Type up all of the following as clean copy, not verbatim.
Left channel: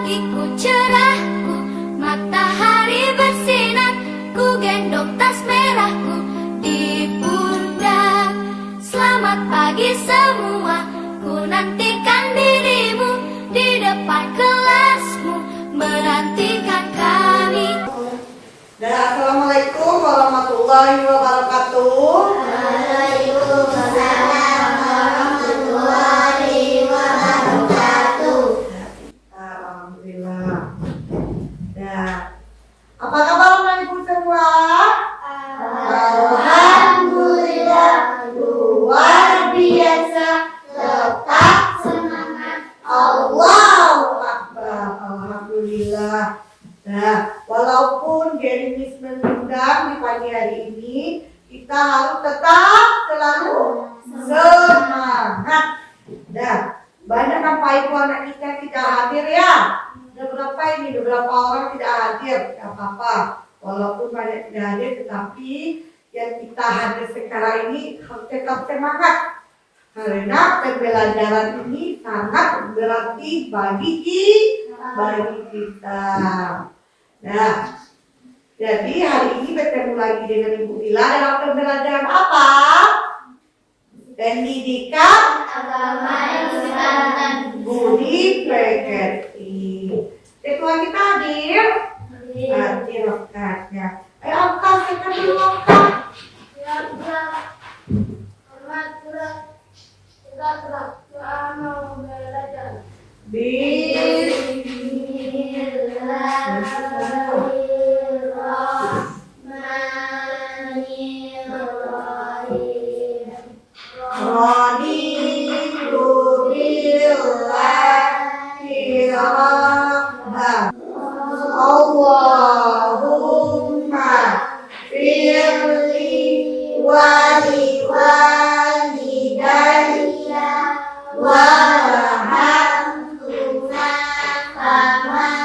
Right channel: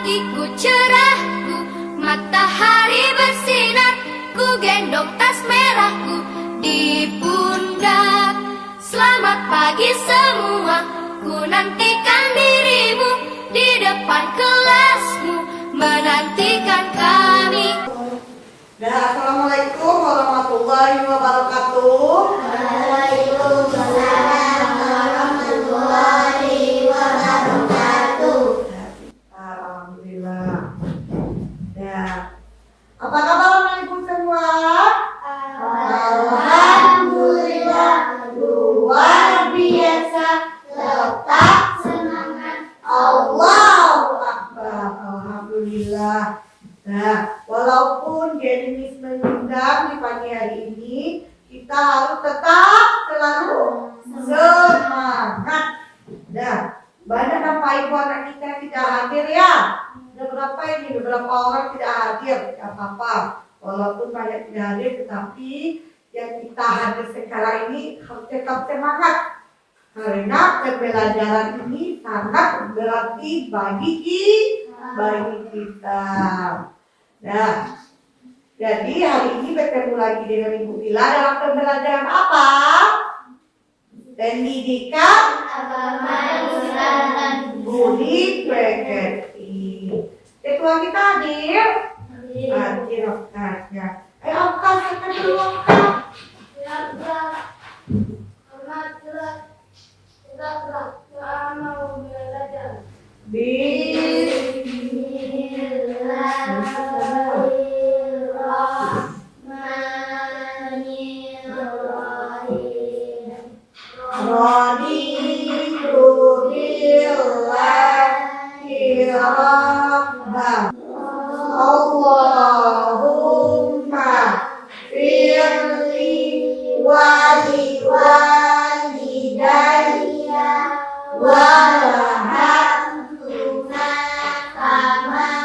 pagiku cerahku, matahari bersinar, ku gendong tas merahku di pundak. Selamat pagi semua, ku nantikan dirimu di depan kelasmu, menantikan kami. Dan assalamualaikum warahmatullahi wabarakatuh. Waalaikumsalam warahmatullahi wabarakatuh. Alhamdulillah. Nah, apa kabar Bapak Ibu semua? Alhamdulillah, luar biasa. Tetap semangat. Allahu Akbar. Alhamdulillah. Nah, walaupun Genimis mengundang di pagi hari ini, kita harus tetap selalu semangat. Nah, banyak Bapak Ibu anak kita tidak hadir ya. Beberapa orang tidak hadir, tidak apa-apa. Walaupun banyak tidak hadir, tetapi yang kita hadir sekarang ini harus tetap semangat. Karena pembelajaran ini sangat berarti bagi kita. Nah, jadi hari ini bertemu lagi dengan Ibu Ila dalam pembelajaran apa? Pendidikan Agama Islam. Budi Pekerti. Ketua kita hadir? Hadir ya. Ayo angkat, kita dulu angkat. Mau belajar. Bismillahirrahmanirrahim. Raditu billahi rabban. Allahumma firli wali walidayya Warhamhuma kama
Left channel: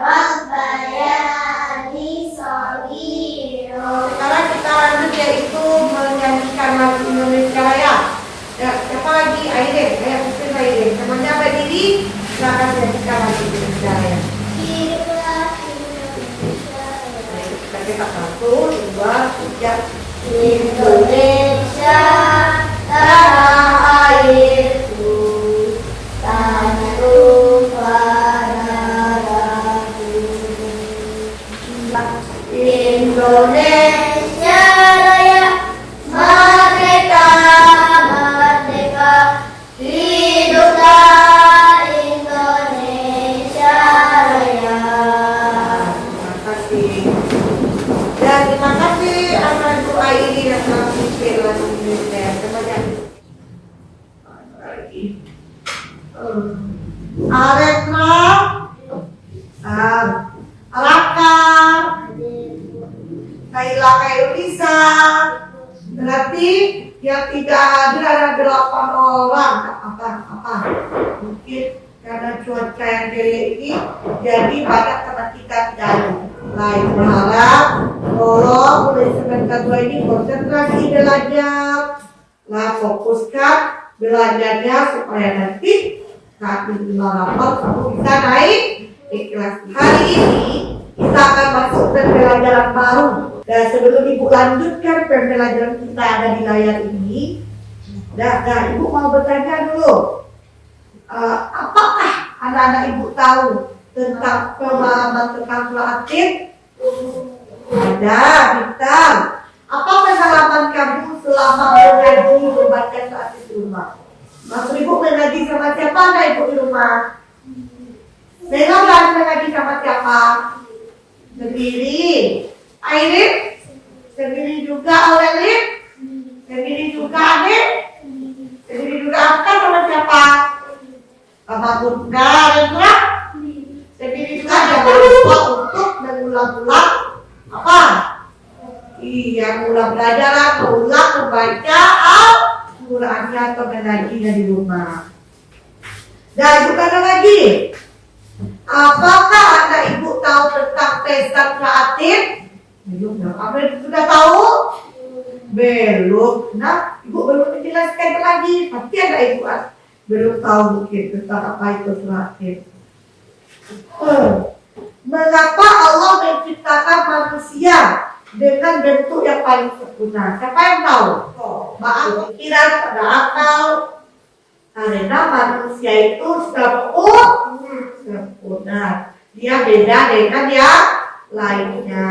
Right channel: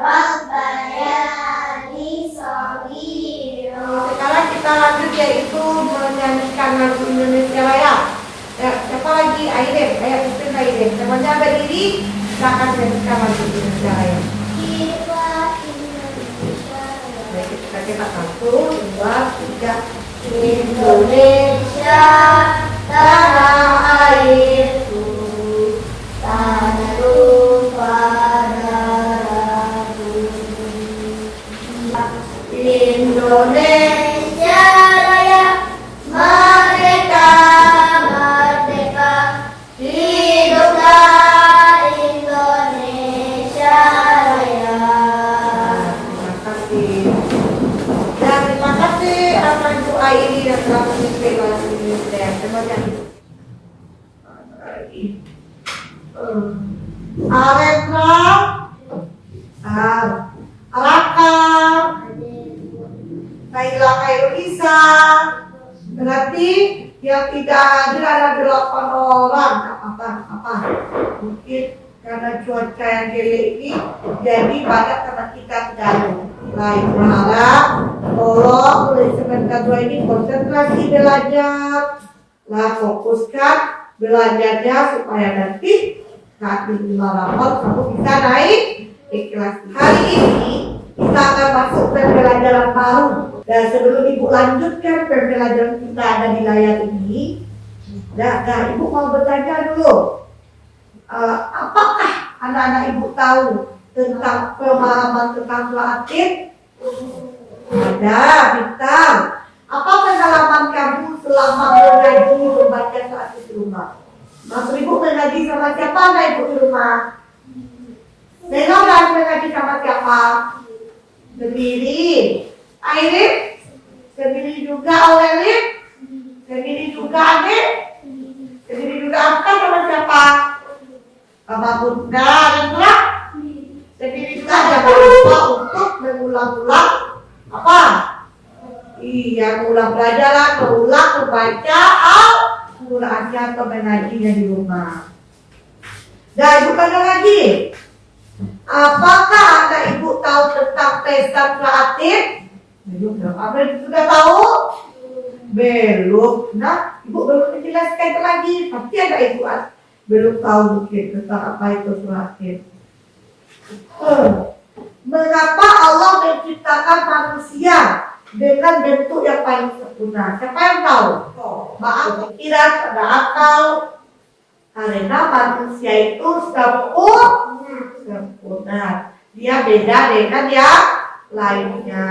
rabbayani shaghira. Sekarang kita lanjut yaitu menyanyikan lagu Indonesia Raya. Ya, siapa lagi? Aiden, ayo pimpin Aiden. Semuanya berdiri, silakan menyanyikan lagu Indonesia Raya. Kita Indonesia. Kita cetak 1, 2, 3. Indonesia tanah airku, tanah tumpah darahku. Indonesia Raya, merdeka, merdeka, hiduplah Indonesia Raya. Terima kasih. Dan terima kasih atas Ibu Aini yang telah memimpin lagu Indonesia. Semuanya. Lagi. Areka, Raka, Kaila Kailisa. Berarti yang tidak hadir ada 8 orang. Apa? Mungkin karena cuaca yang jelek ini, jadi banyak teman kita tidak hadir. Baik, berharap tolong mulai semester 2 ini konsentrasi belajar. Lah fokuskan belajarnya supaya nanti saat menerima rapor kamu bisa naik ikhlas. Hari ini kita akan masuk ke pembelajaran baru. Dan sebelum Ibu lanjutkan pembelajaran kita ada di layar ini, Ibu mau bertanya dulu, apakah anak-anak Ibu tahu tentang pemahaman tentang Al-Quran? Ada, Bintang. Apa pengalaman kamu selama mengaji membaca saat di rumah? Maksud Ibu mengaji sama siapa anda Ibu di rumah? Saya belajar mengaji sama siapa? Sendiri. Airin? Sendiri juga Aurelin? Sendiri juga Adik? Sendiri juga Afkan sama siapa? Sama Bunda, Rendra? Sendiri juga jangan lupa untuk mengulang-ulang apa? Iya, mengulang pelajaran, mengulang membaca Al-Qurannya atau mengajinya di rumah. Dan juga ada lagi. Apakah anak Ibu tahu tentang Pesta Kreatif? Belum. Apa sudah tahu? Belum. Nah, Ibu belum menjelaskan lagi. Pasti ada Ibu belum tahu mungkin tentang apa itu kreatif. Mengapa Allah menciptakan manusia dengan bentuk yang paling sempurna? Siapa yang tahu? Maaf, pikiran, pada akal. Karena manusia itu sudah sempurna. Dia beda dengan yang lainnya.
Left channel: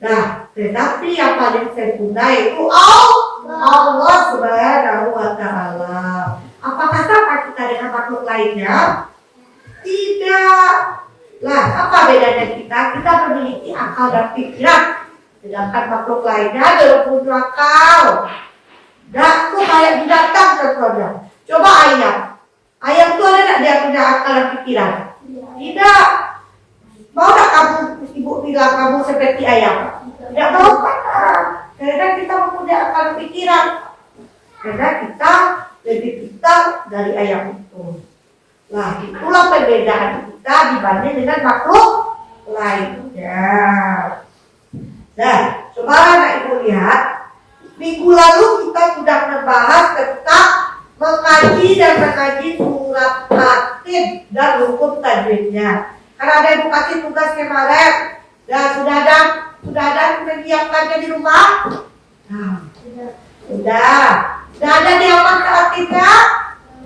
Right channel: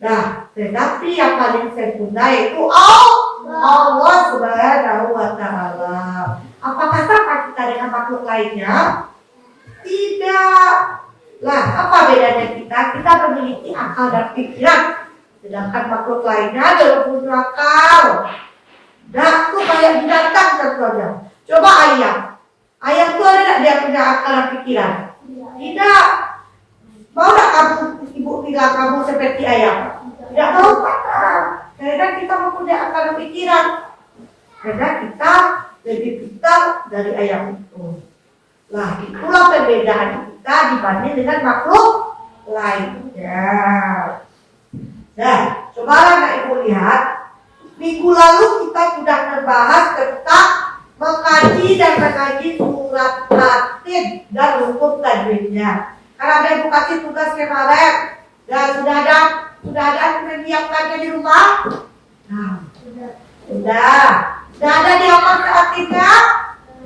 Nah, tetapi yang paling sempurna itu Allah Subhanahu wa Ta'ala. Apakah sama kita dengan makhluk lainnya? Tidak. Lah, apa bedanya kita? Kita memiliki akal dan pikiran. Sedangkan makhluk lainnya belum punya akal. Dan itu kayak binatang contohnya. Coba ayam. Ayam itu ada nggak dia punya akal dan pikiran? Tidak. Mau nggak kamu, ibu bilang kamu seperti ayam? Tidak mau kan? Karena kita mempunyai akal dan pikiran. Karena kita lebih pintar dari ayam itu. Nah, itulah perbedaan kita dibanding dengan makhluk lainnya. Nah, coba anak ibu lihat. Minggu lalu kita sudah membahas tentang mengkaji dan mengaji surat At-Tin dan hukum tajwidnya. Karena ada edukasi tugas kemarin dan sudah ada menyiapkannya di rumah. Nah, sudah ada di apa At-Tinnya?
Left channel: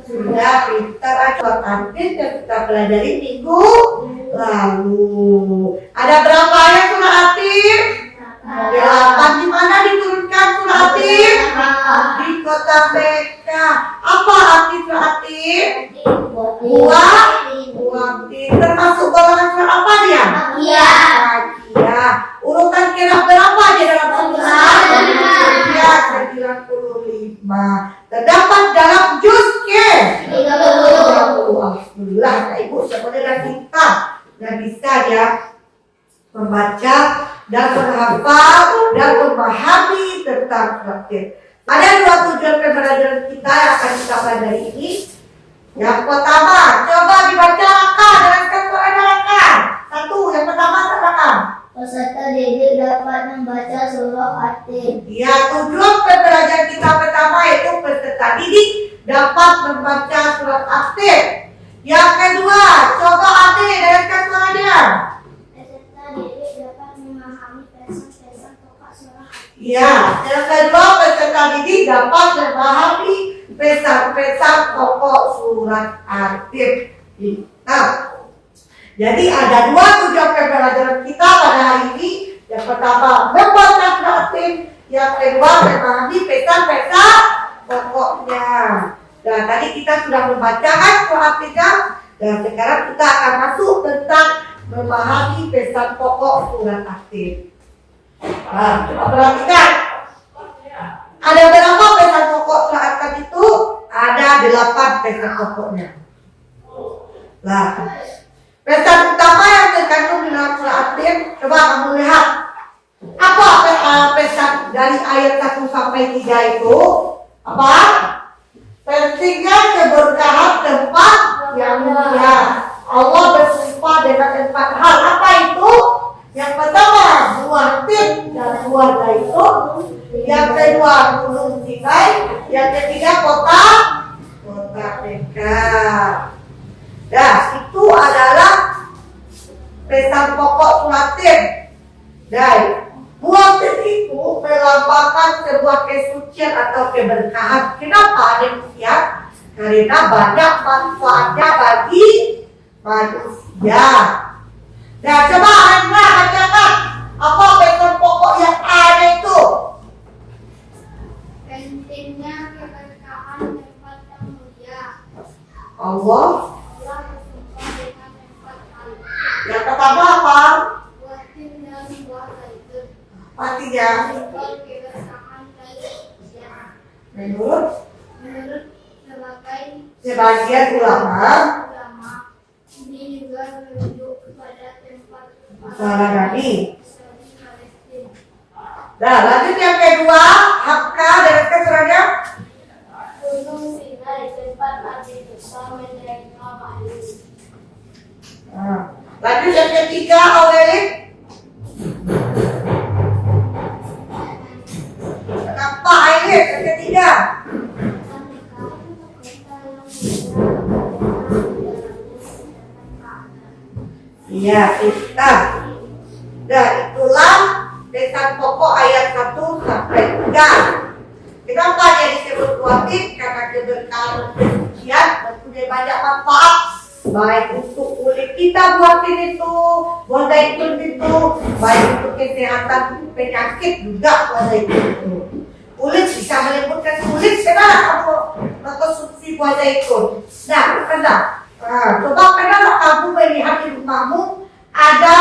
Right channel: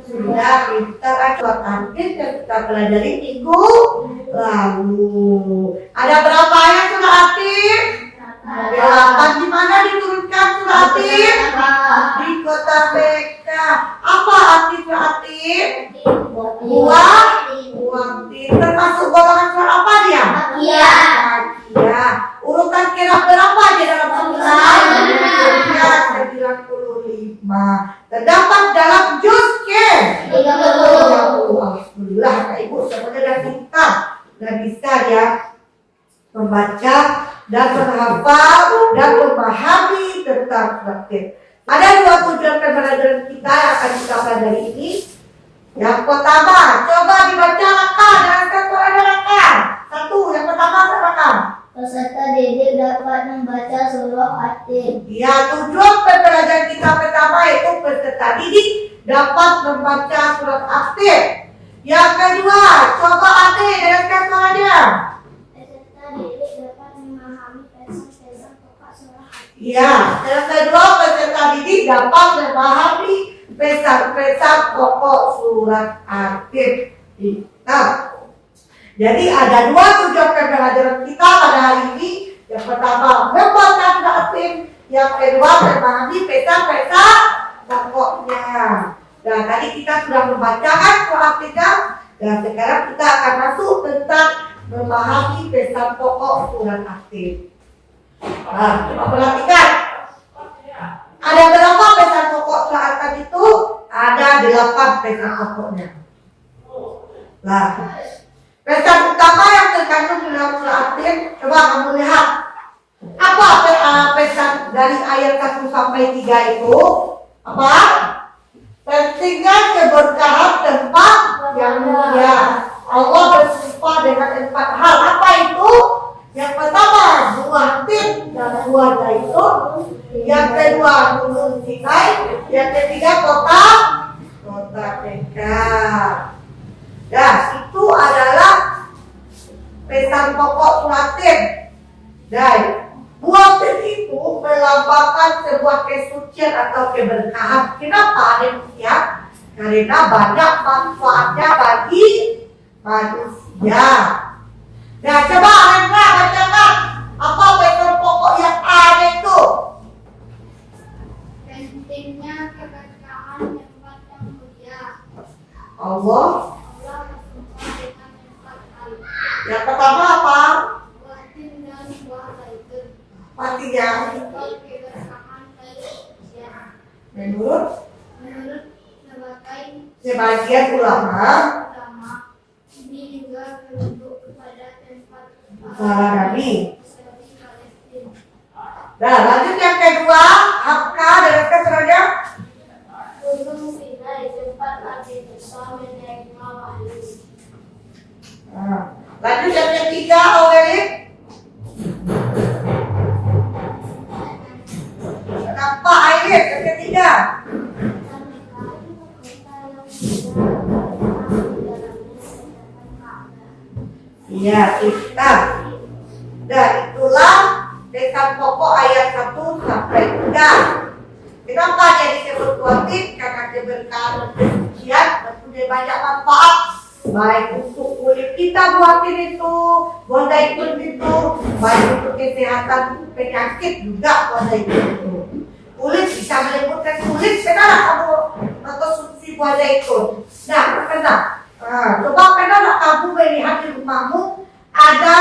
Sudah pintar surat At-Tin yang kita pelajari minggu lalu. Ada berapa ayat surat At-Tin? 8. Di mana diturunkan surat At-Tin? Di kota Mekah. Apa arti surat At-Tin? Buang tin. Termasuk golongan surat apa dia? Makiyah. Urutan kira berapa aja dalam Al-Quran? 95. Terdapat dalam juz ke 30. Alhamdulillah, Kak Ibu semuanya dah pintar dan bisa ya membaca dan menghafal dan memahami tentang At-Tin. Ada 2 tujuan pembelajaran kita yang akan kita pelajari ini. Yang pertama, coba dibaca langkah dengan suara langkah. 1, yang pertama silakan. Peserta didik dapat membaca surah At-Tin. Ya, tujuan pembelajaran kita pertama itu peserta didik dapat membaca surat At-Tin. Yang kedua, coba At-Tin dengarkan suaranya. Peserta didik dapat memahami pesan-pesan pokok surah At-Tin. Ya, yang kedua peserta didik dapat memahami pesan-pesan pokok surat At-Tin. Nah, jadi ada 2 tujuan pembelajaran kita pada hari ini. Yang pertama membaca surat At-Tin, yang kedua memahami pesan-pesan pokoknya. Dan tadi kita sudah membacakan surat At-Tin, dan sekarang kita akan masuk tentang memahami pesan pokok surat At-Tin. Nah, coba perhatikan. Ada berapa pesan pokok surat At-Tin itu? Ada 8 pesan pokoknya. Nah, pesan utama yang terkandung di dalam surat At-Tin, coba kamu lihat. Apa pesan dari ayat 1 sampai 3 itu? Apa? Pentingnya keberkahan tempat yang mulia. Allah bersumpah dengan 4 hal. Apa itu? Yang pertama, buah tin dan keluarga itu. Yang kedua, gunung Sinai. Yang ketiga, kota Mekah. Nah, itu adalah pesan pokok surat Tin. Dan buah tin itu melambangkan sebuah kesucian atau keberkahan. Kenapa demikian? Karena banyak manfaatnya bagi manusia. Nah, coba Anda bacakan apa pesan pokok yang ada itu? Pentingnya keberkahan tempat yang mulia. Allah. Allah bersumpah dengan 4 hal. Yang pertama apa? Buah tin dan buah zaitun. Pastinya Simbol keberkahan dari manusia. menurut Menurut sebagian ulama, ini juga menunjuk kepada tempat para nabi. Israel Palestina. Nah, lanjut yang kedua, Hakka dan keseranya. Gunung Sinai tempat Nabi Musa menerima wahyu. Nah, lanjut yang ketiga, Aurelik. Kenapa Aileen yang ketiga? Iya, pintar. Dan itulah pesan pokok ayat 1 sampai 3. Kenapa dia disebut wajib? Karena keberkahan dan kesucian mempunyai banyak manfaat. Baik untuk kulit kita buatin itu, buat zaitun itu, baik untuk kesehatan penyakit juga buat zaitun itu. Kulit bisa melembutkan kulit, kenapa kamu mengkonsumsi buah zaitun? Nah, kenapa? Coba kenapa kamu melihat di rumahmu ada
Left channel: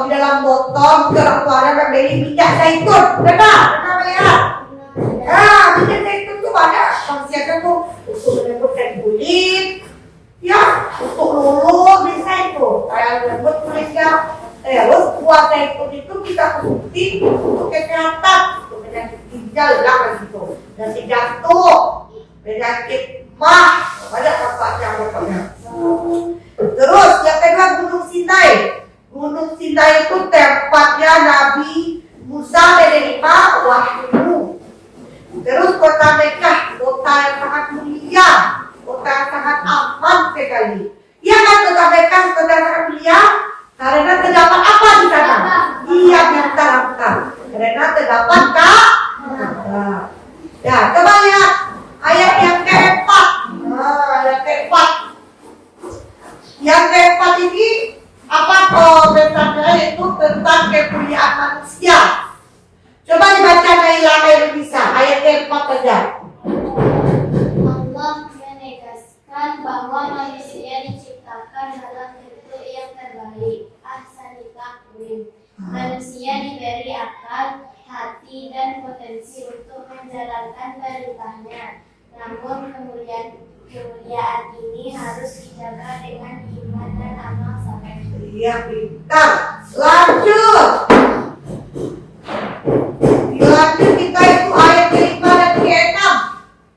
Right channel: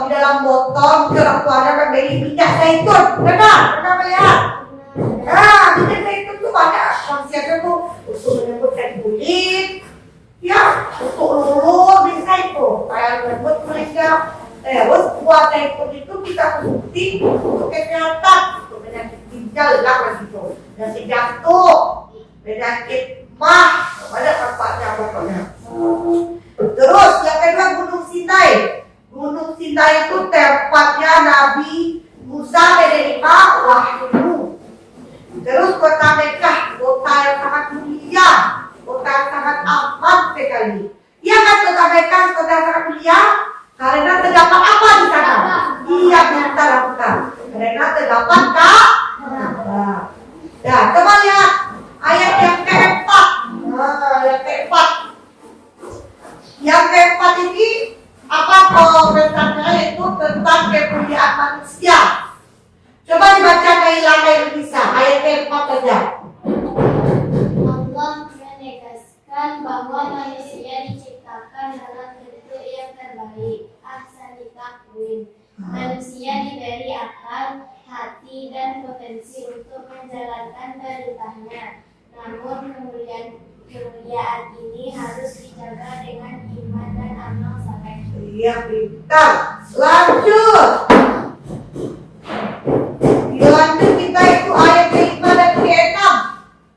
di dalam botol keluaran dari minyak zaitun, pernah melihat? Minyak zaitun itu banyak khasiatnya tuh untuk melembutkan kulit, ya, untuk luluh bisa itu, kayak lembut kulitnya. Terus buah zaitun itu kita konsumsi untuk kesehatan, untuk penyakit ginjal lah gitu, penyakit jantung, penyakit mah, banyak manfaatnya pokoknya. Terus yang kedua Gunung Sinai. Gunung Sinai itu tempatnya Nabi Musa menerima wahyu. Terus kota Mekah, kota yang sangat mulia, kota yang sangat aman sekali. Iya kan kota Mekah, kota yang sangat mulia? Karena terdapat apa di sana? Iya, pintar. Karena terdapat Ka'bah. Ya, coba lihat ayat yang keempat. Yang keempat ini apa komentarnya itu tentang kemuliaan manusia. Coba dibaca Naila bisa ayat keempat saja. Allah menegaskan bahwa manusia diciptakan dalam bentuk yang terbaik, ahsani taqwim. Manusia diberi akal, hati, dan potensi untuk menjalankan perintahnya. Namun kemuliaan ini harus dijaga dengan iman dan amal saleh. Iya, pintar. Lanjut kita itu ayat ke-5 dan ke-6,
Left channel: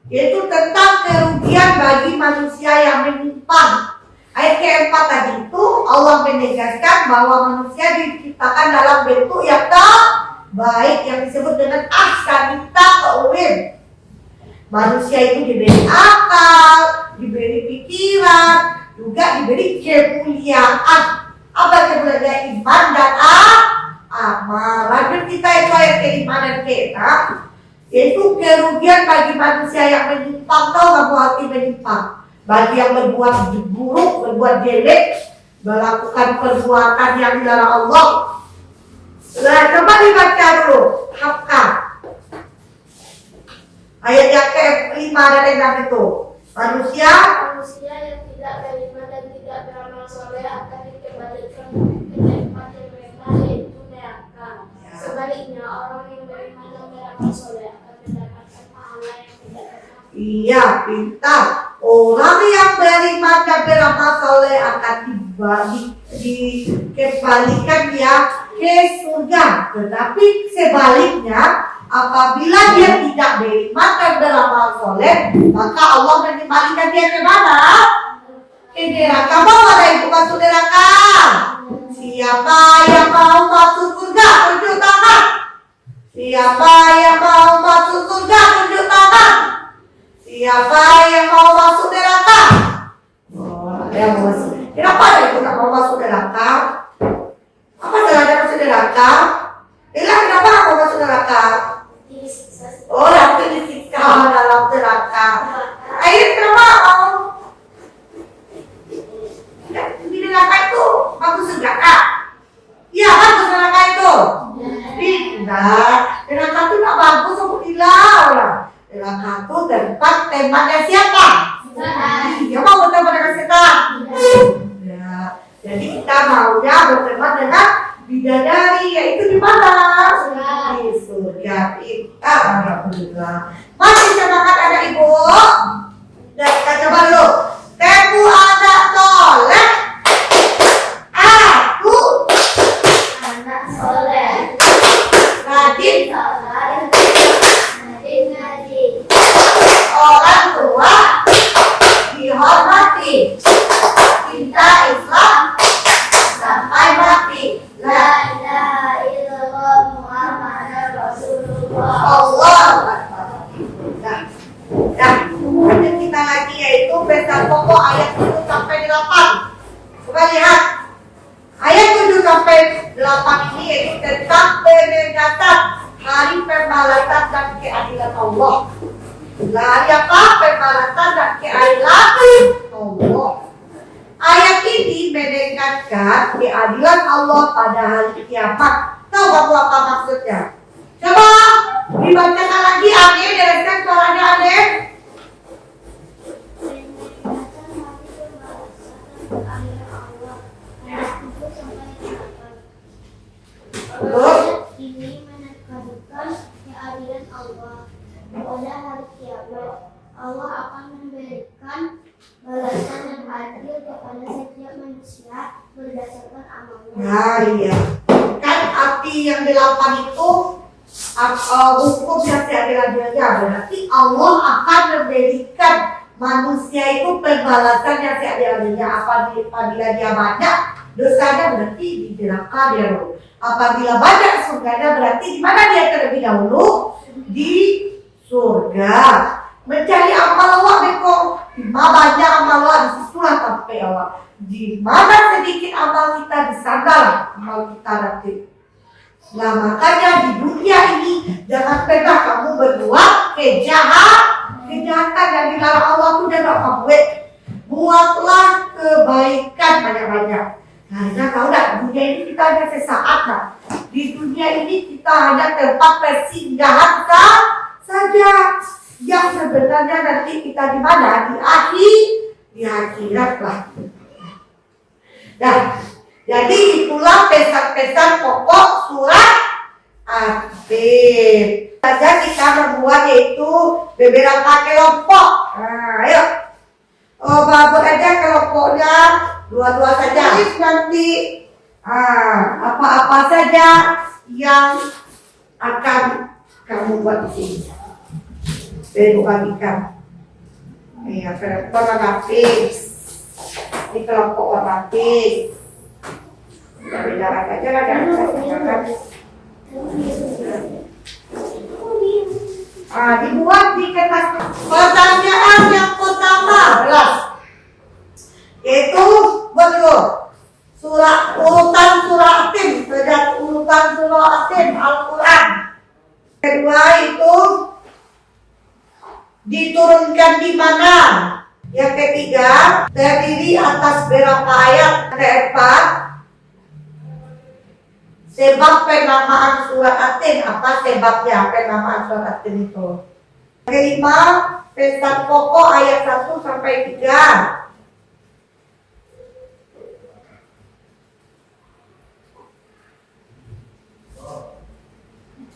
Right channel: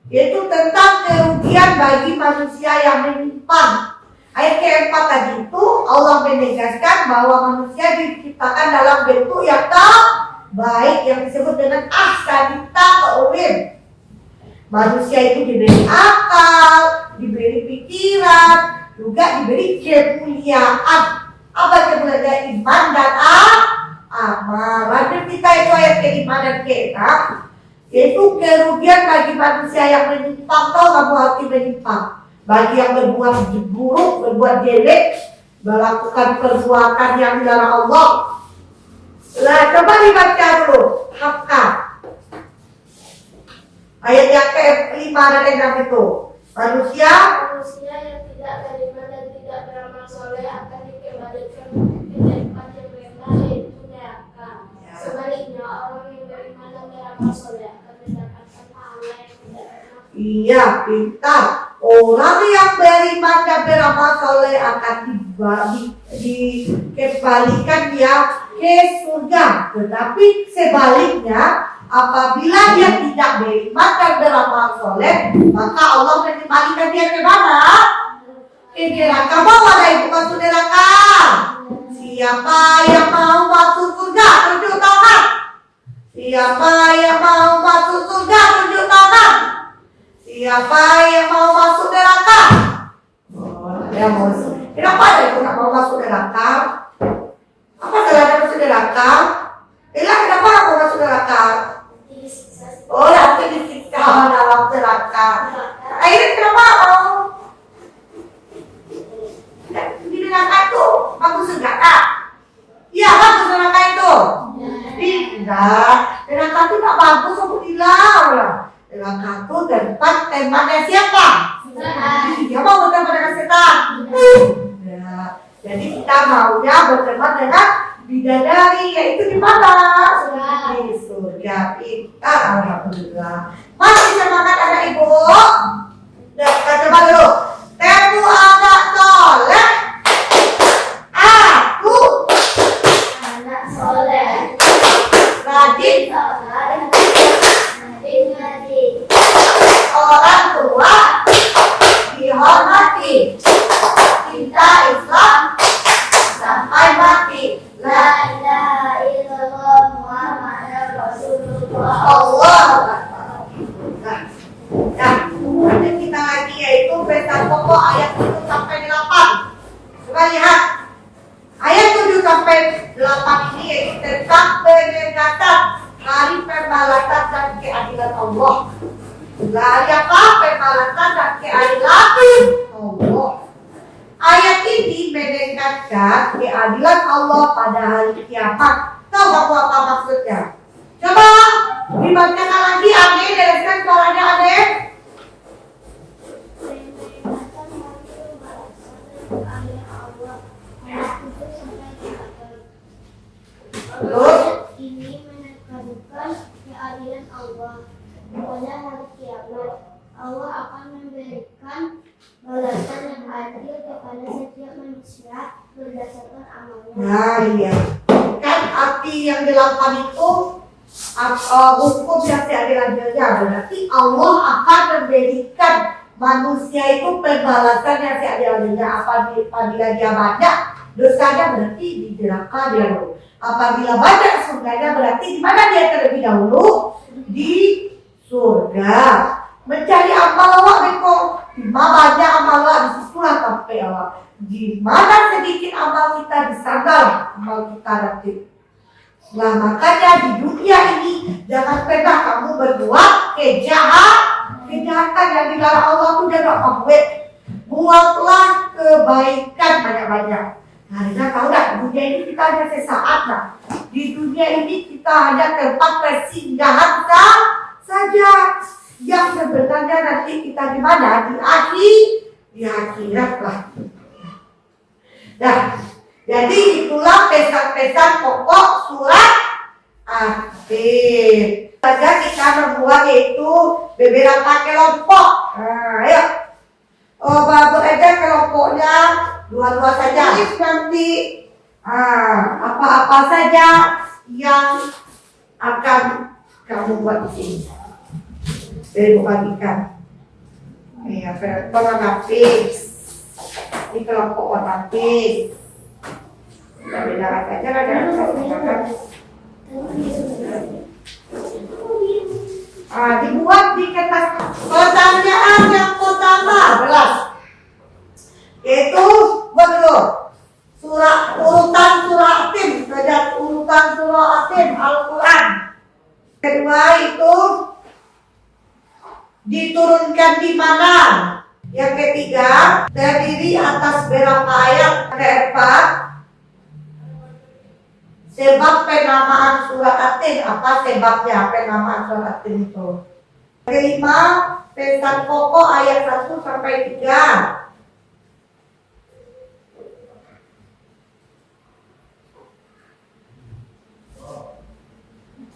yaitu tentang kerugian bagi manusia yang menyimpang. Ayat ke-4 tadi itu Allah menegaskan bahwa manusia diciptakan dalam bentuk yang terbaik yang disebut dengan ahsani taqwim. Manusia itu diberi akal, diberi pikiran, juga diberi kemuliaan. Apa kemuliaan? Iman dan amal. Lanjut kita itu ayat ke-5 dan ke-6, yaitu kerugian bagi manusia yang menyimpang. Tahu kamu arti menyimpang? Bagi yang berbuat buruk, berbuat jelek, melakukan perbuatan yang dilarang Allah. Coba dibaca dulu, hafal ayat yang ke-5 dan ke-6 itu. Manusia yang tidak beriman dan tidak beramal soleh akan dikembalikan ke tempat yang mereka, yaitu neraka. Sebaliknya orang yang beriman dan beramal soleh akan mendapatkan pahala yang tidak pernah. Iya, pintar. Orang yang beriman dan beramal soleh akan dikembalikan ya ke surga. Tetapi sebaliknya, apabila dia tidak beriman dan beramal soleh, maka Allah mengembalikan dia ke mana? Ke neraka. Mau ada ibu masuk neraka? Siapa yang mau masuk surga? Tunjuk tangan. Siapa yang mau masuk surga? Tunjuk tangan. Siapa yang mau masuk neraka? Ada masuk. Kenapa ada ibu tak mau masuk neraka? Apa salahnya masuk neraka? Kenapa tak mau masuk neraka? Oh, nanti disiksa dalam neraka. Akhirnya kenapa mau? Di neraka itu bagus surga kak? Iya, bagus neraka itu. Tidak, neraka itu tak bagus alhamdulillah. Neraka itu tempat temannya siapa? Dia mau berteman dengan setan. Ya, jadi kita maunya berteman dengan bidadari, yaitu di mana? Di surga. Kita alhamdulillah. Masih semangat anak ibu? Nah, kita coba dulu. Temu anak soleh. Aku Anak soleh, rajin rajin ngaji, orang tua dihormati, cinta Islam sampai mati. la ilaha illallah Muhammadur Rasulullah. Allah. Nah, lanjut kita lagi yaitu pesan pokok ayat 3 peringatan hari pembalasan dan keadilan Allah. Hari apa? Pembalasan dan keadilan Allah. Ayat ini menekankan keadilan Allah pada hari kiamat. Tahu kamu apa maksudnya? Coba dibacakan lagi Ade, dengarkan suaranya Ade. Ayat ini menekankan keadilan Allah pada hari kiamat. Allah akan memberikan balasan yang adil kepada setiap manusia berdasarkan amalnya. Nah iya, kan arti yang 8 itu hukum yang seadil-adilnya, berarti Allah akan memberikan manusia itu pembalasan yang seadil-adilnya. Apabila dia banyak dosanya berarti di neraka dia dulu. Apabila banyak surganya berarti di mana dia terlebih dahulu? Di surga. Mencari amal Allah deko, di mana banyak amal Allah di situlah sampai Allah. Di mana sedikit amal kita di sana amal kita nanti. Nah makanya di dunia ini jangan pernah kamu berbuat kejahatan yang dilarang Allah itu jangan kamu buat. Buatlah kebaikan banyak-banyak. Karena tahu tak, dunia ini kita hanya sesaat lah. Di dunia ini kita hanya tempat persinggahan saja. Yang sebenarnya nanti kita di mana? Di akhirat lah. Nah, jadi itulah pesan-pesan pokok surat At-Tin. Saja kita membuat yaitu beberapa kelompok. Nah, ayo. Buat aja kelompoknya dua-dua saja. Nanti apa-apa saja yang akan kamu buat di sini. Dari bagikan. Iya, warna lapis. Ini kelompok warna lapis. Kita bedakan saja lah, jangan kita dibuat di kertas. Pertanyaan yang pertama adalah yaitu betul urutan surah At-Tin, saja urutan surah At-Tin Al-Quran. Kedua itu diturunkan di mana? Yang ketiga, terdiri atas berapa ayat? Keempat, sebab penamaan surat At-Tin, apa sebabnya penamaan surat At-Tin itu? Kelima, pesan pokok ayat 1 sampai 3.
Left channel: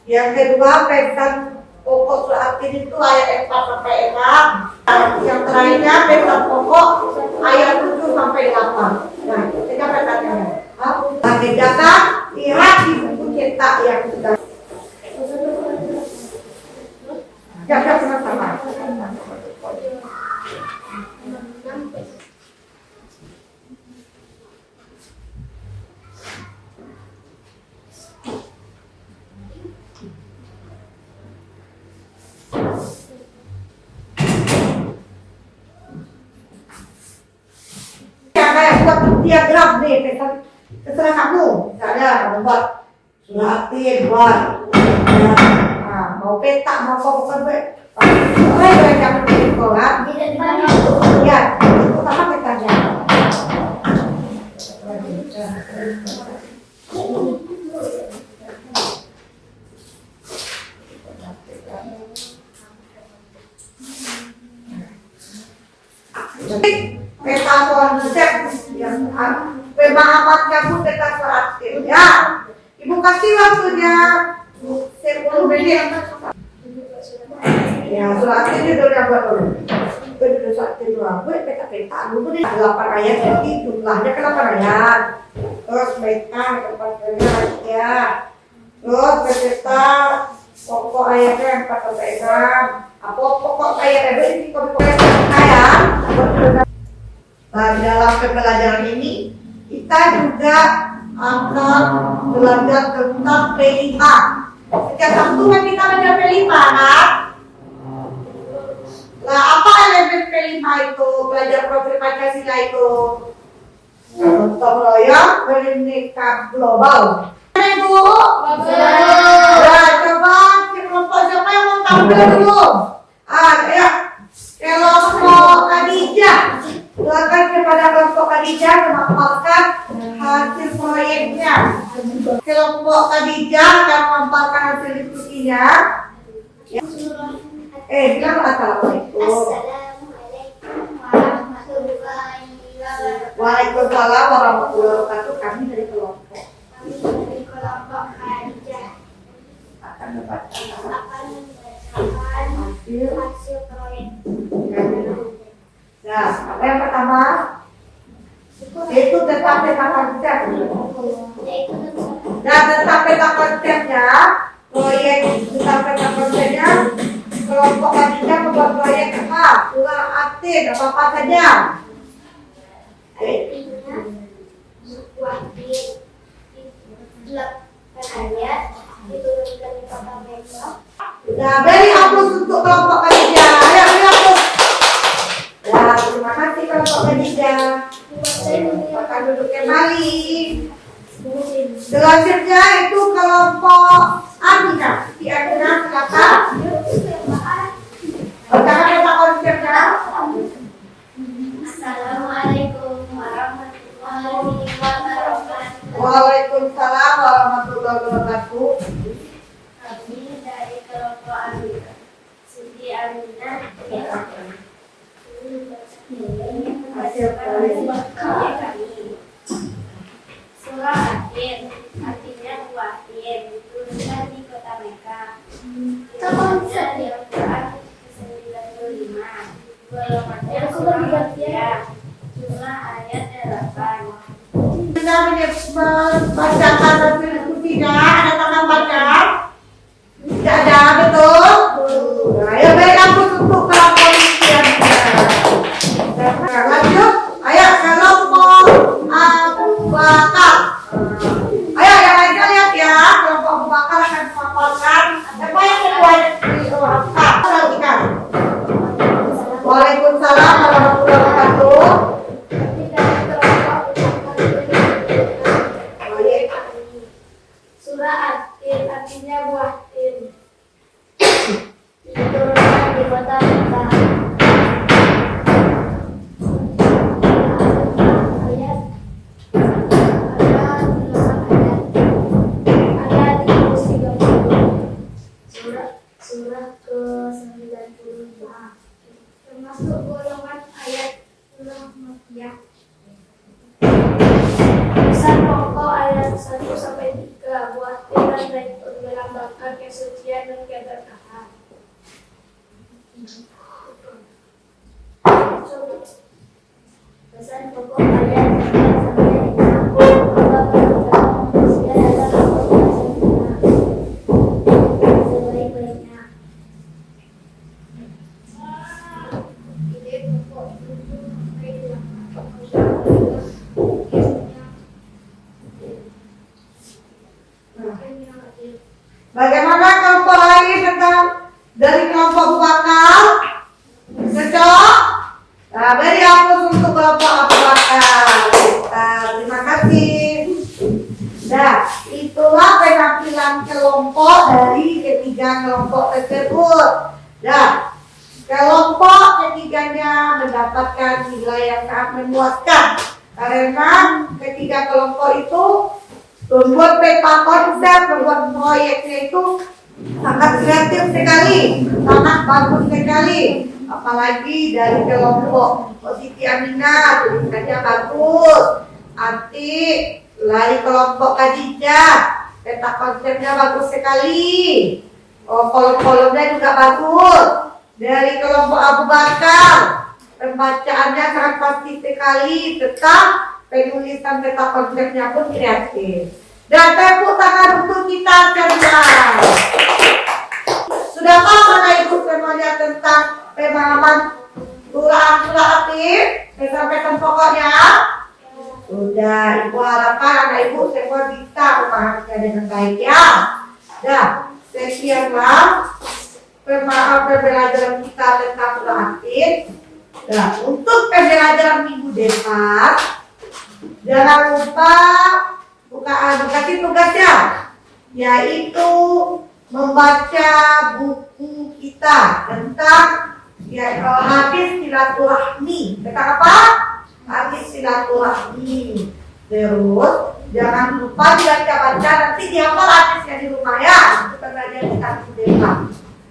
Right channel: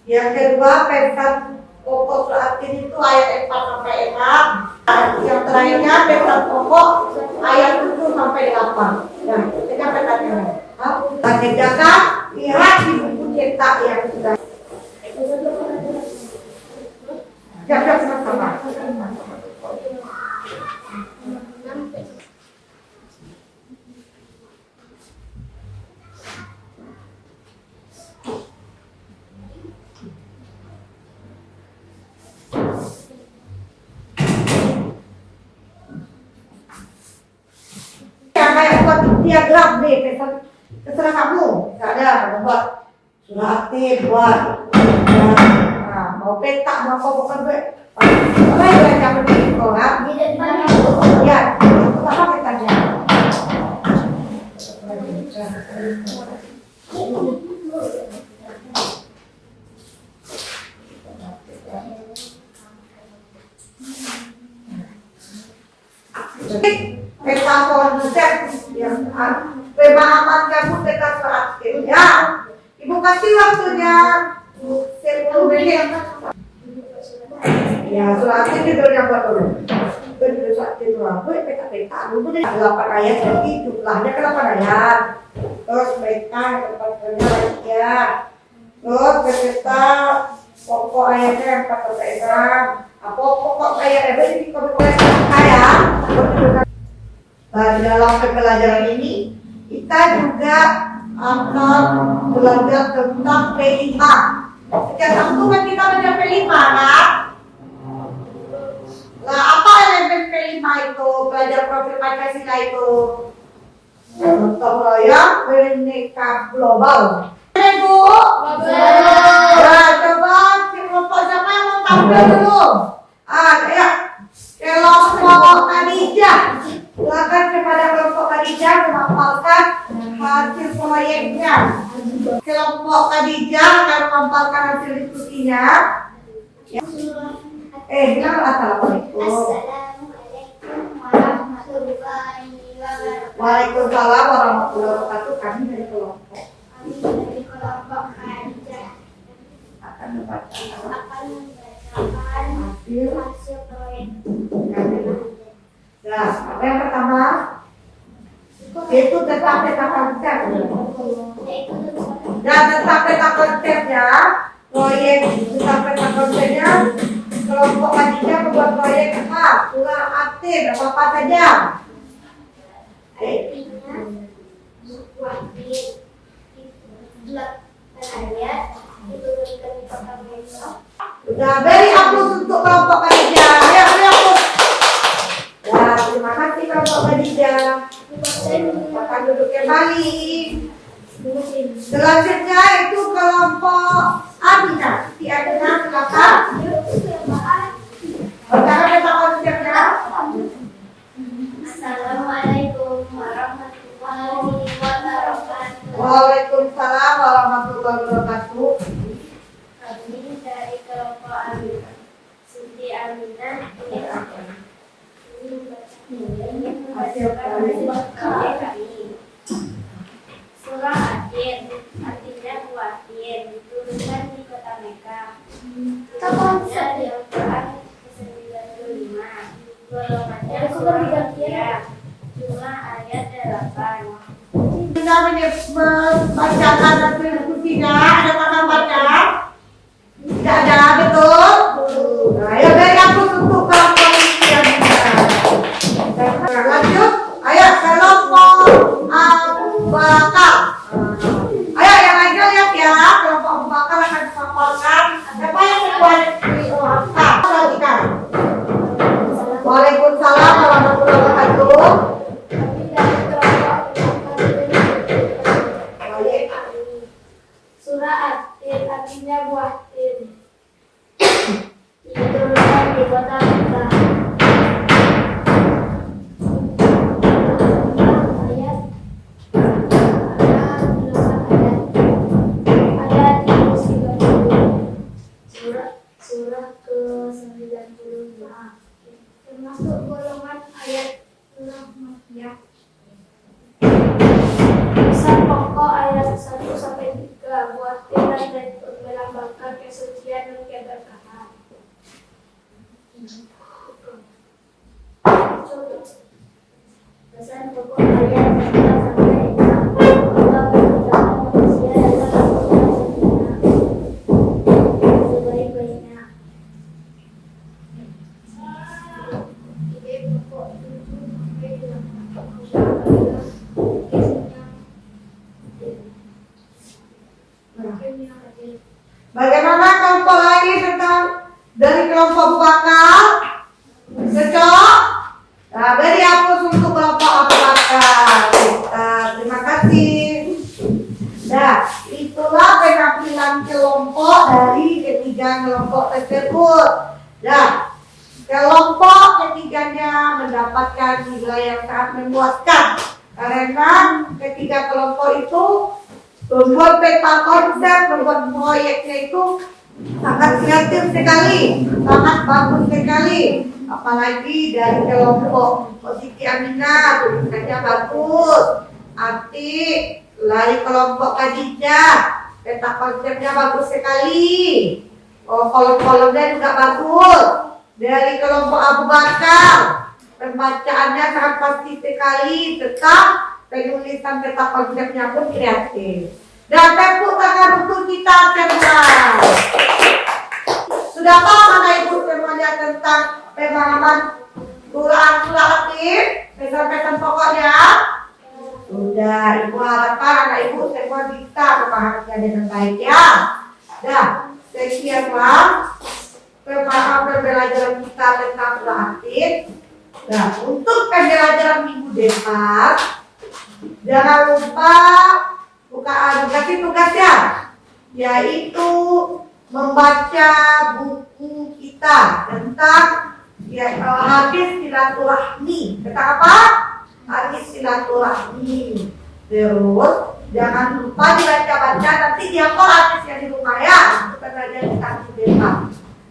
Yang kedua, pesan pokok surat At-Tin itu ayat 4 sampai 6. Yang terakhirnya pesan pokok ayat 7 sampai 8. Nah, kita pertanyaan. Kerjakan, lihat di buku cetak yang sudah. Siap-siap sama-sama. Diagram nih, terserah kamu. Misalnya kamu buat surat At-Tin, buat mau peta, mau bukan buat. Boleh kamu bikin koran. Ya, apa petanya? Peta konsep yang pemahaman kamu tentang praktik ya. Ibu kasih waktunya 10 menit. Ya, suratnya itu udah buat dulu. Udah suratnya dulu aku peta dulu deh. 8 ayat jadi jumlahnya ke 8 ayat. Terus peta tempat kerja ya. Terus peta pokok ayatnya 4 sampai 6. Apa pokok ayat ini kalau ayat di dalam pembelajaran ini kita juga akan belajar tentang P5. Setiap waktu kan kita belajar P5 kan? Nah, apa elemen P5 itu? Belajar profil Pancasila itu gotong royong, Bhinneka global. Ibu Ibu? Nah, coba kelompok siapa yang mau tampil dulu? Ya. Kelompok Khadijah. Silakan kepada kelompok Khadijah memaparkan hasil proyeknya. Kelompok Khadijah akan memaparkan hasil diskusinya. Bilang assalamualaikum. Assalamualaikum warahmatullahi wabarakatuh. Waalaikumsalam warahmatullahi wabarakatuh. Kami dari kelompok Kami dari kelompok Khadijah akan membacakan akan membacakan hasil proyek. Nah, yang pertama itu tentang peta konsep. Dan tentang peta konsepnya, proyek tentang peta konsepnya, kelompok Khadijah membuat proyek apa? Surah At-Tin, apa saja? Artinya wahid 8 ayat diturunkan di kota Mekah. Nah, beri hapus untuk kelompok Khadijah. Ayo, beri hapus. Ya, terima kasih kelompok Khadijah. Akan duduk kembali. Selanjutnya itu kelompok Aminah. Si Aminah silakan. Bacakan peta konsepnya. Assalamualaikum warahmatullahi wabarakatuh. Waalaikumsalam warahmatullahi wabarakatuh. Kami dari kelompok Aminah. Siti Aminah ingin membacakan hasil kami. Surah At-Tin artinya wahid diturunkan di kota Mekah. Turunnya di Al-Quran ke-95. Golongannya surah Makkiyah. Jumlah ayat 8. Kita membacakan hasil diskusinya. Ada tangan baca? Tidak ada, betul? Nah, ayo beri hapus untuk kelompok Aminah. Nah, lanjut. Ayo kelompok Abu Bakar. Ayo yang lainnya lihat ya. Kelompok Abu Bakar akan memaparkan apa yang membuat apa. Lanjutkan. Waalaikumsalam warahmatullahi wabarakatuh. Kami dari kelompok Surah At-Tin artinya buah tin. Diturunkan di kota Mekah. Ayat ayat 30. Surah ke-95. Termasuk golongan ayat surah Makkiyah. Pesan pokok ayat 1 sampai 3 buat dan untuk melambangkan kesucian dan keberkahan. Pesan pokok ayat 1 sampai 6 Allah menciptakan manusia dalam bentuk sebaik-baiknya. Ide pokok 7 sampai 8. Bagaimana kelompok lain tentang dari kelompok Abu Bakar? Cocok? Nah, beri hapus untuk kelompok Abu Bakar. Terima kasih. Nah, itulah penampilan kelompok dari ketiga kelompok tersebut. Nah, kelompok ketiganya mendapatkan nilai yang sangat memuaskan karena ketiga kelompok itu membuat peta konsep, membuat proyeknya itu sangat kreatif sekali, sangat bagus sekali. Apalagi dari kelompok Siti Aminah tulisannya bagus. Atik dari kelompok Khadijah peta konsepnya bagus sekali. Kolom-kolomnya juga bagus. Dari kelompok Abu Bakar pembacaannya sangat pasti sekali, tetap penulisan peta konsepnya pun kreatif. Dan tepuk tangan untuk kita semua. Sudah paham Bapak Ibu semuanya tentang pemahaman surah At-Tin, pesan-pesan pokoknya? Sudah, Ibu harapkan anak Ibu semua bisa memahaminya dengan baik ya. Nah, sekianlah pembelajaran kita tentang surah At-Tin. Nah, untuk pembelajaran minggu depan, jangan lupa dikasih tugas ya. yaitu membaca buku kita tentang hadis silaturahmi. Tentang apa? Hadis silaturahmi. Terus jangan lupa dibaca-baca, nanti dihafal hadisnya di rumah ya. Kita belajar di kampus desa.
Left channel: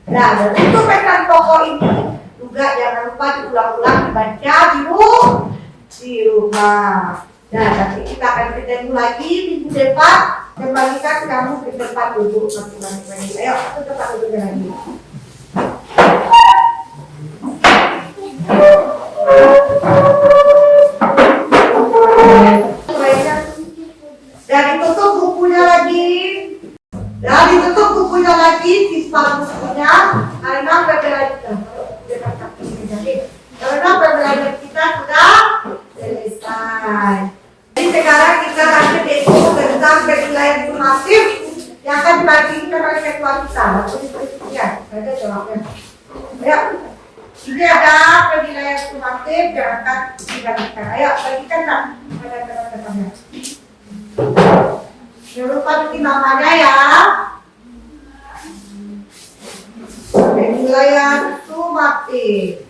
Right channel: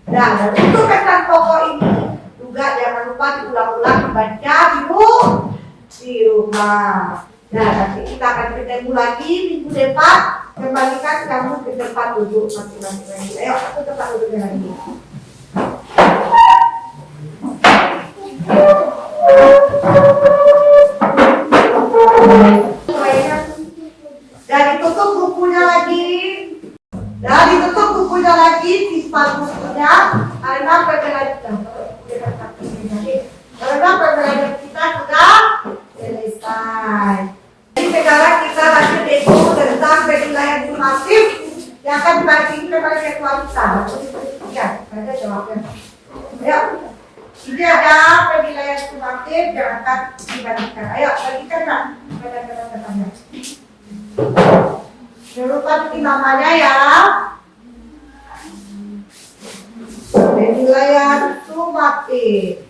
Nah, dan untuk pesan pokok ini juga jangan lupa diulang-ulang dibaca di rumah. Nah, nanti kita akan ketemu lagi minggu depan. Kembalikan kamu ke tempat duduk masing-masing. Ayo, ke tempat duduk lagi. Dan ditutup bukunya lagi. Siswa bukunya. Karena pembelajaran kita sudah selesai. Jadi sekarang kita lanjut yaitu tentang penilaian sumatif yang akan dibagikan oleh ketua kita. Ya, ada jawabnya. Ayo, ini ada penilaian sumatif yang akan dibagikan. Ayo, bagikan nak kepada teman-temannya. Jangan lupa bikin namanya ya. Penilaian sumatif.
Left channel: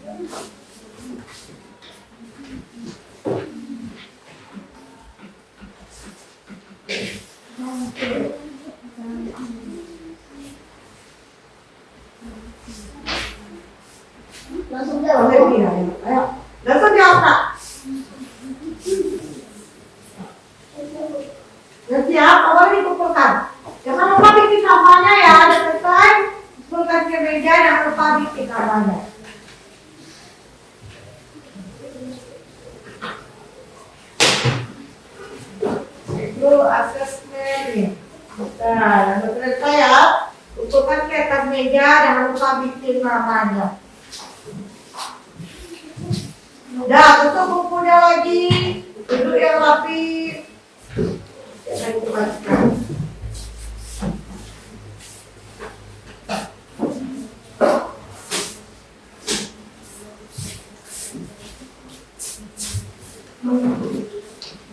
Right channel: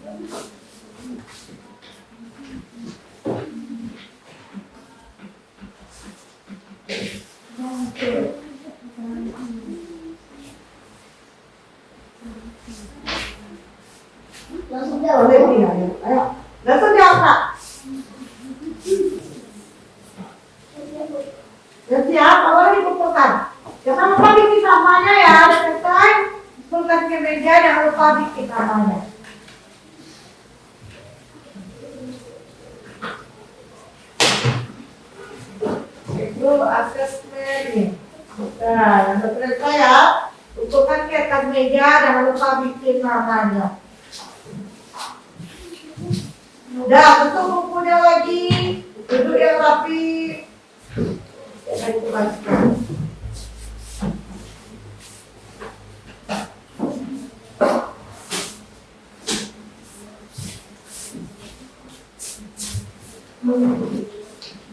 Langsung jawab. Ayo, langsung jawab Kak. Sudah siap, awal dikumpulkan. Jangan lupa bikin namanya ya, udah selesai. Kumpulkan ke meja, jangan lupa bikin namanya. Itu asesmen nih. Nah, yang selesai ya. Kumpulkan ke atas meja, jangan lupa bikin namanya. Udah, tutup bukunya lagi. Duduk yang rapi. Jangan dimasukkan.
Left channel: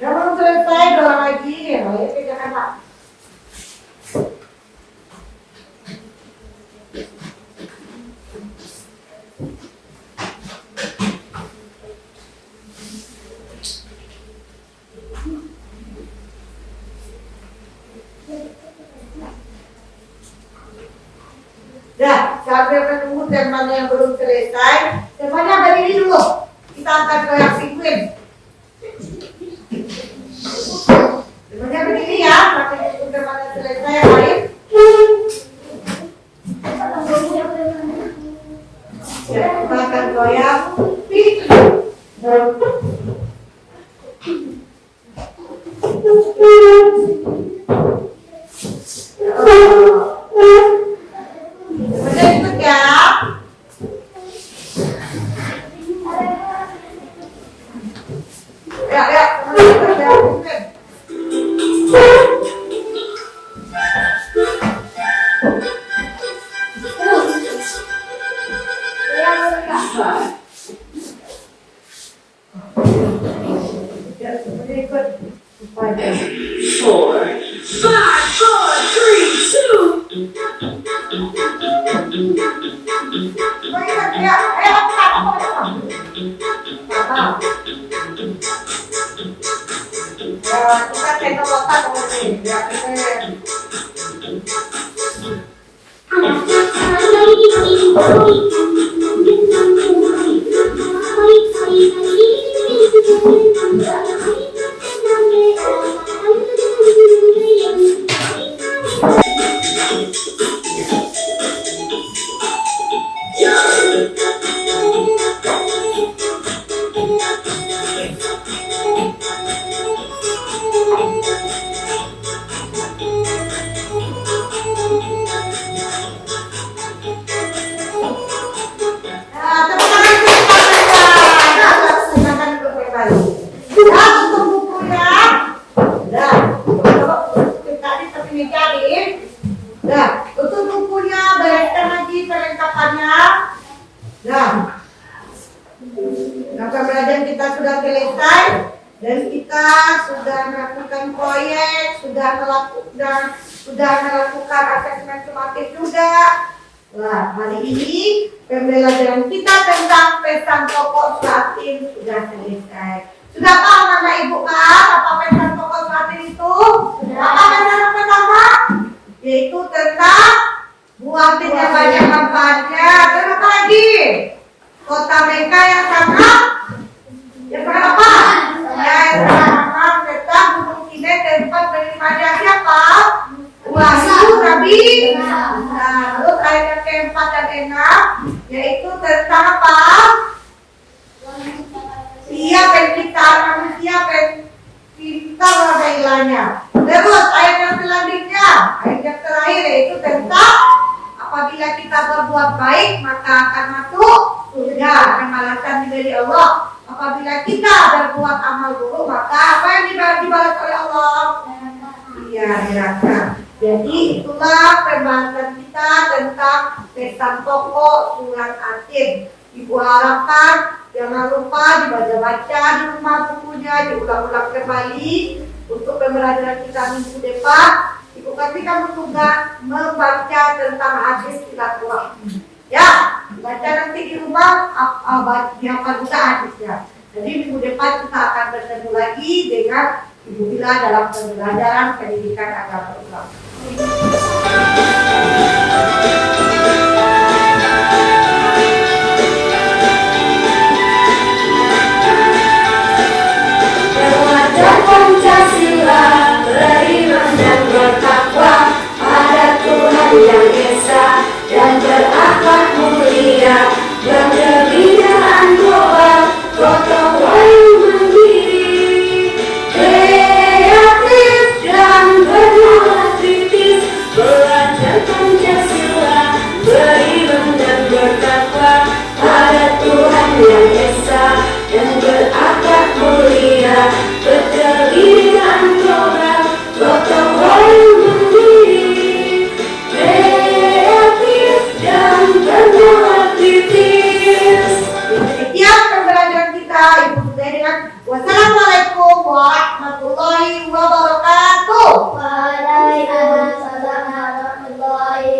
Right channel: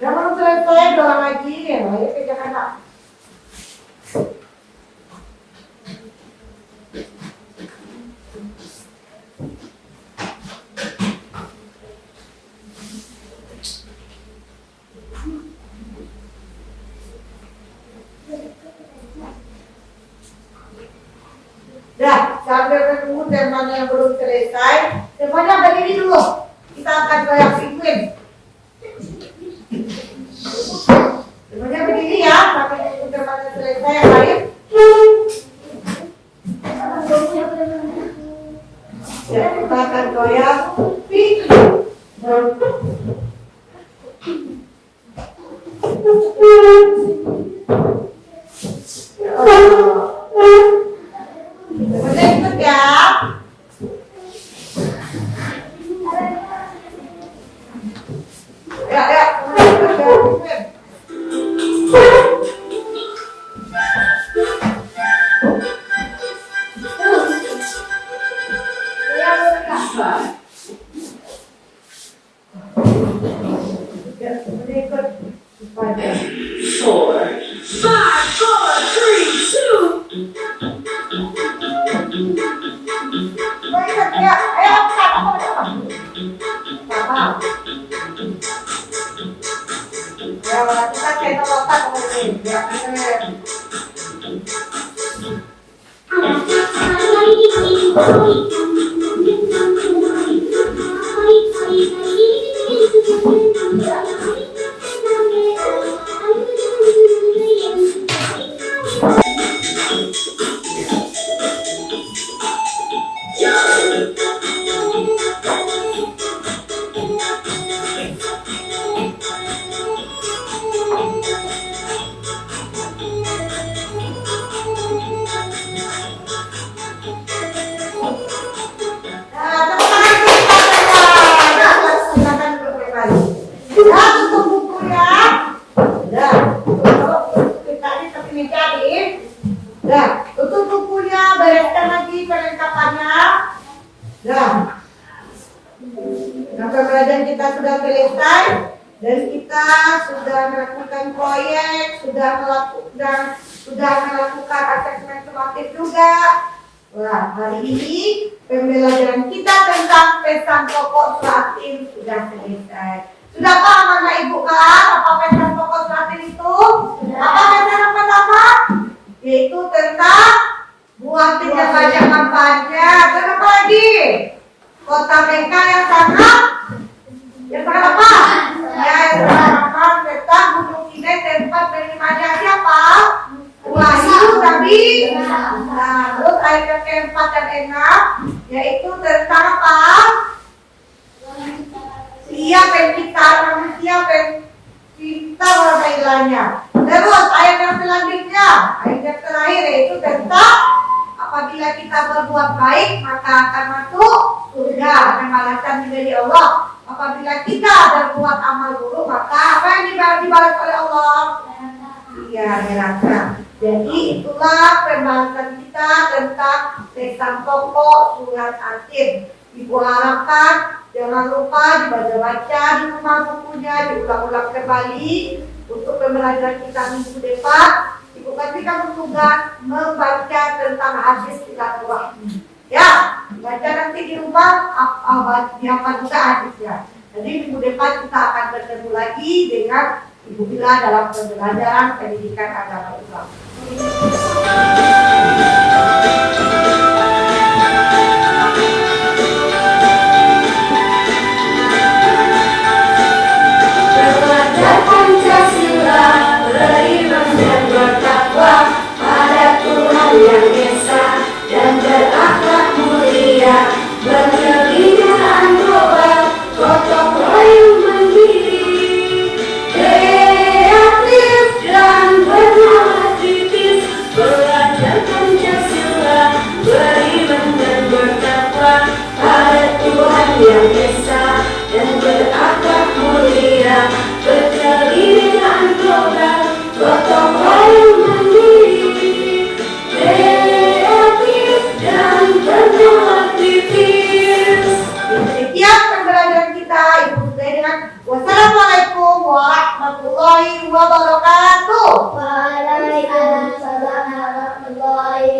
Jangan selesai, doa lagi. Ayo kita kena. Dah, sambil ketemu teman yang belum selesai, temannya berdiri dulu. Kita akan goyang penguin. Temannya berdiri ya, sampai ketemu temannya selesai yang lain. Ya, kita akan goyang Udah ikut ya. Ya, ikut ya. Four, five, four, three, two. Kita cendol otak ini. Ya, silakan duduk kembali. kita sudah melakukan proyek, sudah melakukan asesmen sumatif juga. Wah, hari ini pembelajaran kita tentang pesan pokok Latin sudah selesai. Sudah paham Anak Ibu kan apa pesan pokok Latin itu? Apa pesan yang pertama? Yaitu tentang buatin yang banyak kampanye. Dan apa lagi? Kota Bengka yang sangat apa? Ya, yang sangat tentang Gunung Kidul tempat beribadah siapa? Wahyu Nabi. Nah, terus ayat yang keempat dan enam yaitu tentang apa? Dia penciptaan manusia, pencipta warga. Terus ayat yang selanjutnya, ayat yang terakhir yaitu tentang apabila kita berbuat baik maka akan masuk surga dan balasan dari Allah. Apabila kita berbuat amal buruk maka apa yang dibalas oleh Allah? Iya, neraka. Jadi itulah pembahasan kita tentang pesan pokok surat Atin. Ibu harapkan jangan lupa dibaca-baca di rumah bukunya, diulang-ulang kembali untuk pembelajaran kita minggu depan. Ibu kasihkan tugas membaca tentang hadis silaturahmi. Ya, baca nanti di rumah apa juga hadisnya. Jadi minggu depan kita akan bertemu lagi dengan Ibu Bila dalam pembelajaran pendidikan agama Islam.